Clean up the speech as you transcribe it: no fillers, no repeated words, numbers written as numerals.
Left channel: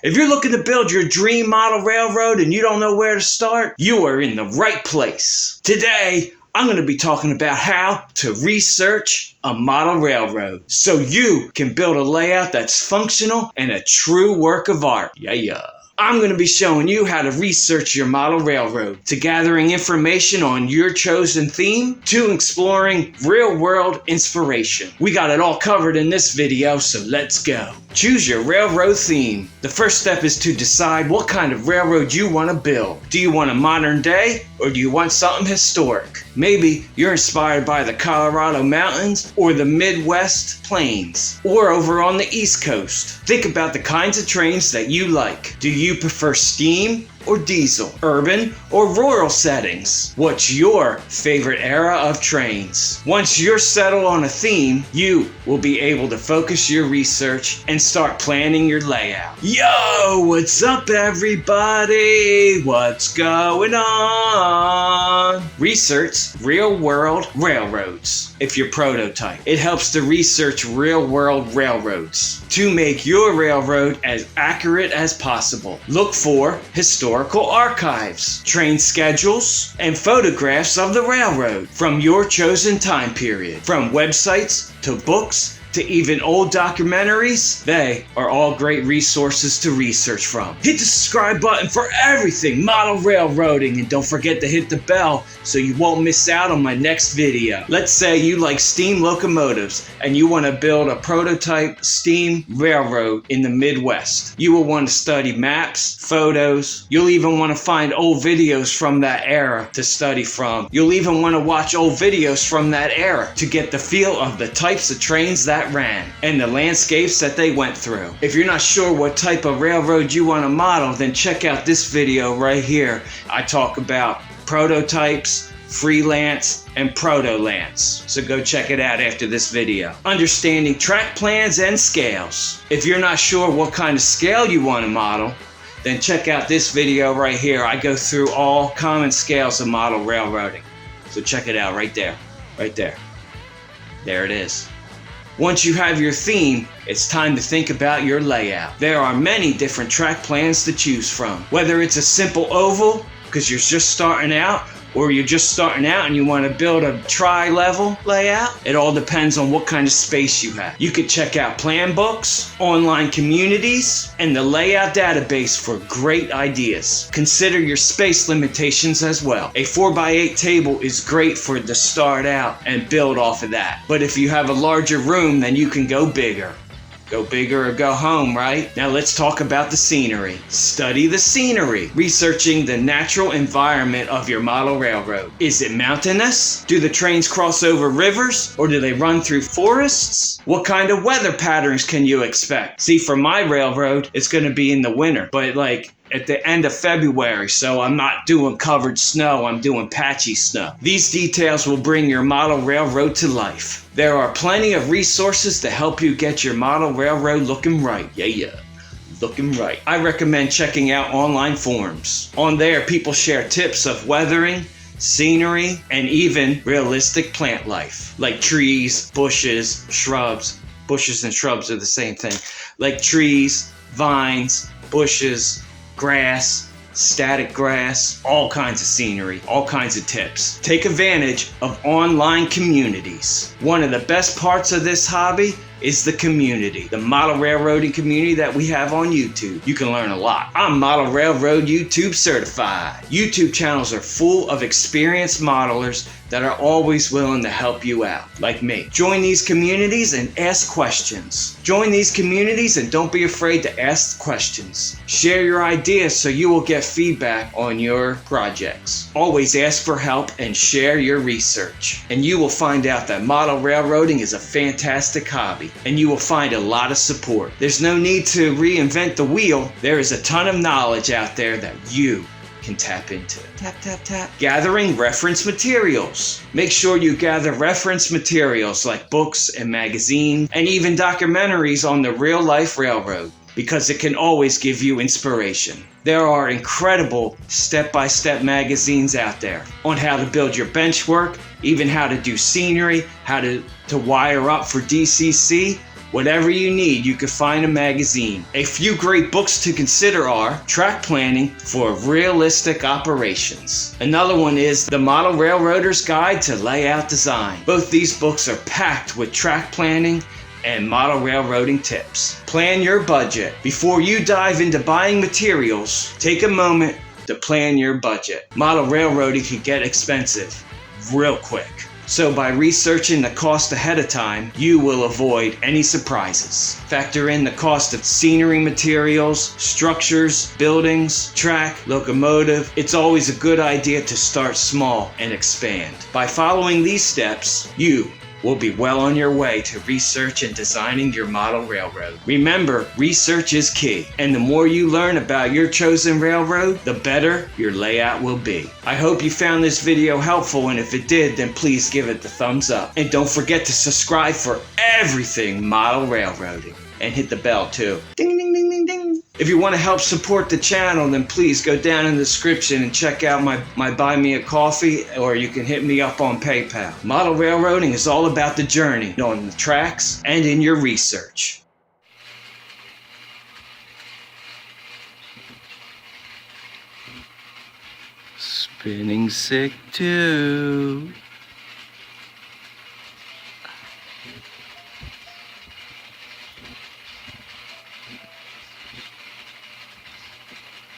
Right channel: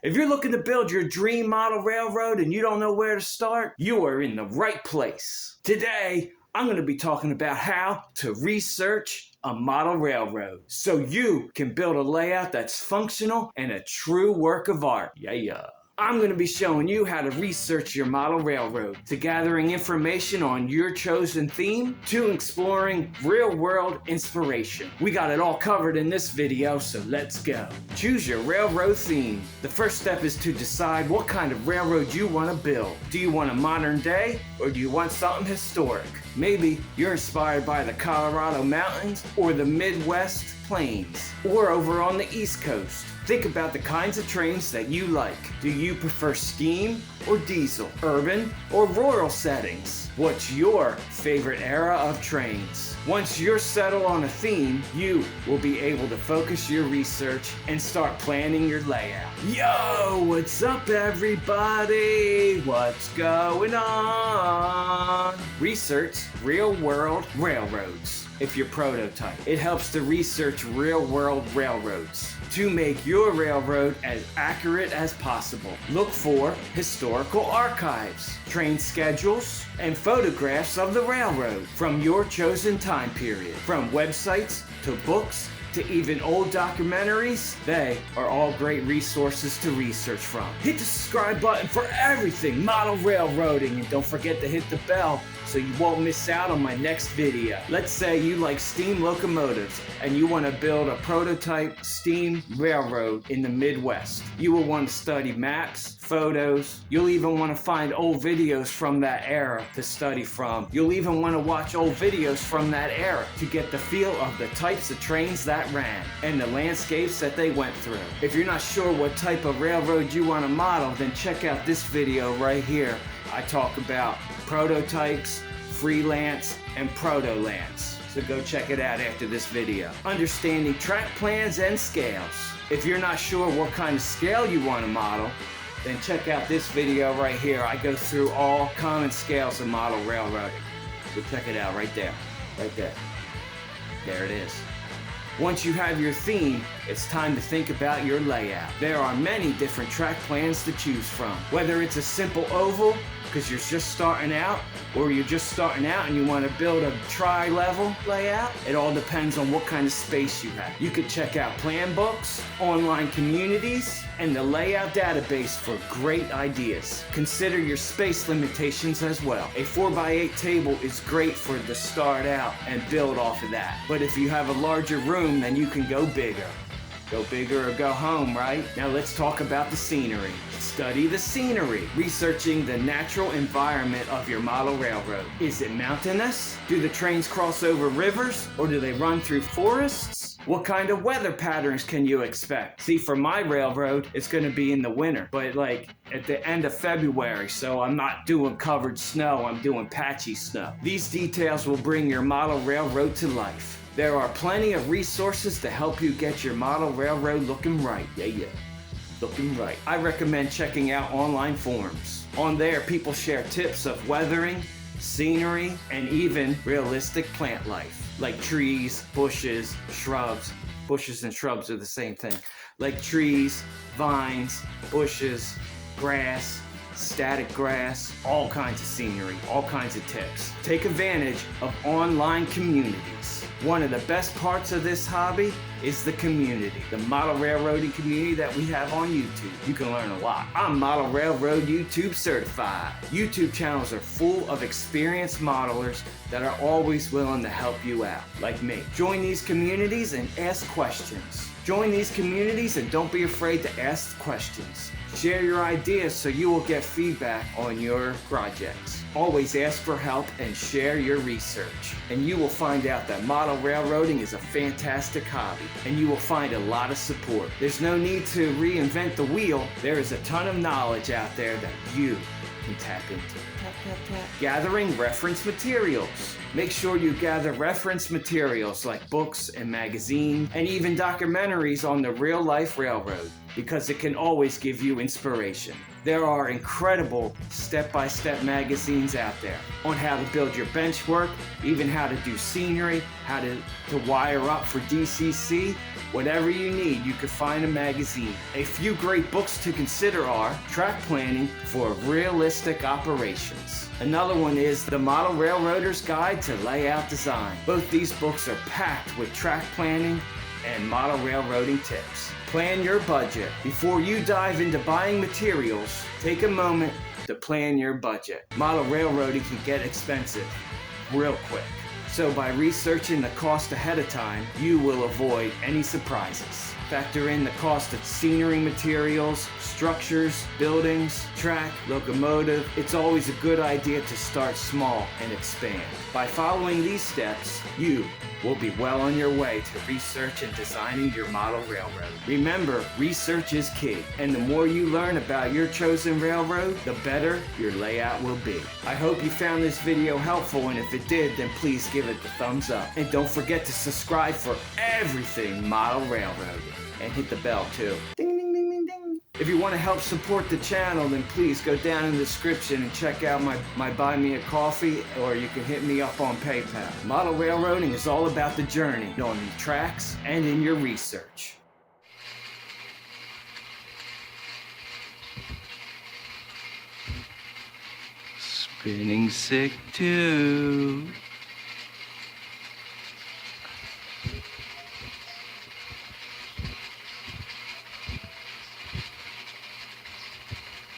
If you're looking to build your dream model railroad and you don't know where to start, you are in the right place. Today, I'm going to be talking about how to research a model railroad so you can build a layout that's functional and a true work of art. Yeah. I'm going to be showing you how to research your model railroad, to gathering information on your chosen theme, to exploring real-world inspiration. We got it all covered in this video, so let's go. Choose your railroad theme. The first step is to decide what kind of railroad you want to build. Do you want a modern day, or do you want something historic? Maybe you're inspired by the Colorado mountains or the Midwest plains, or over on the East Coast. Think about the kinds of trains that you like. Do you prefer steam or diesel, urban or rural settings? What's your favorite era of trains? Once you're settled on a theme, you will be able to focus your research and start planning your layout. Yo, what's up everybody? What's going on? Research real-world railroads. If you're prototype, it helps to research real-world railroads to make your railroad as accurate as possible. Look for historical archives, train schedules, and photographs of the railroad from your chosen time period. From websites to books to even old documentaries, they are all great resources to research from. Hit the subscribe button for everything model railroading, and don't forget to hit the bell so you won't miss out on my next video. Let's say you like steam locomotives and you want to build a prototype steam railroad in the Midwest. You will want to study maps, photos. You'll even want to find old videos from that era to study from. You'll even want to watch old videos from that era to get the feel of the types of trains that ran and the landscapes that they went through. If you're not sure what type of railroad you want to model, then check out this video right here. I talk about prototypes, freelance, and proto-lance. So go check it out after this video. Understanding track plans and scales. If you're not sure what kind of scale you want to model, then check out this video right here. I go through all common scales of model railroading. So check it out right there. Right there. There it is. Once you have your theme, it's time to think about your layout. There are many different track plans to choose from. Whether it's a simple oval, because you're just starting out, or you're just starting out and you want to build a tri-level layout, it all depends on what kind of space you have. You can check out plan books, online communities, and the layout database for great ideas. Consider your space limitations as well. A 4x8 table is great for to start out and build off of that. But if you have a larger room, then you can go bigger. Go bigger or go home, right? Now let's talk about the scenery. Study the scenery. Researching the natural environment of your model railroad. Is it mountainous? Do the trains cross over rivers, or do they run through forests? What kind of weather patterns can you expect? See, for my railroad, it's going to be in the winter, but like at the end of February, so I'm not doing covered snow, I'm doing patchy snow. These details will bring your model railroad to life. There are plenty of resources to help you get your model railroad looking right. Yeah. Looking right. I recommend checking out online forums. On there, people share tips of weathering, scenery, and even realistic plant life, like trees, bushes, shrubs. Bushes and shrubs are the same thing. Like trees, vines, bushes, grass, static grass, all kinds of scenery, all kinds of tips. Take advantage of online communities. One of the best parts of this hobby is the community, the model railroading community that we have on YouTube. You can learn a lot. I'm Model Railroad YouTube certified. YouTube channels are full of experienced modelers that are always willing to help you out, like me. Join these communities and ask questions. Join these communities and don't be afraid to ask questions. Share your ideas so you will get feedback on your projects. Always ask for help and share your research. And you will find out that model railroading is a fantastic hobby, and you will find a lot of support. There's no need to reinvent the wheel. There is a ton of knowledge out there that you can tap into. Tap. Gathering reference materials. Make sure you gather reference materials like books and magazines and even documentaries on the real life railroad, because it can always give you inspiration. There are incredible step-by-step magazines out there on how to build your bench work, even how to do scenery, how to wire up for DCC, Whatever you need, you can find a magazine. A few great books to consider are Track Planning for Realistic Operations. Another one is The Model Railroader's Guide to Layout Design. Both these books are packed with track planning and model railroading tips. Plan your budget. Before you dive into buying materials, take a moment to plan your budget. Model railroading can get expensive real quick. So by researching the cost ahead of time, you will avoid any surprises. Factor in the cost of scenery materials, structures, buildings, track, locomotive. It's always a good idea to start small and expand. By following these steps, you will be well on your way to research and designing your model railroad. Remember, research is key, and the more you learn about your chosen railroad, the better your layout will be. I hope you found this video helpful, and if it did, then please give it the thumbs up. And don't forget to subscribe for everything model railroading, and hit the bell too. Ding, ding, ding, ding, ding. If you want to help support the channel, then please go down in the description and check out my Buy Me a Coffee, or you can hit me up on PayPal. Model railroading is all about the journey, on the tracks, and in your research. Spinning sick too.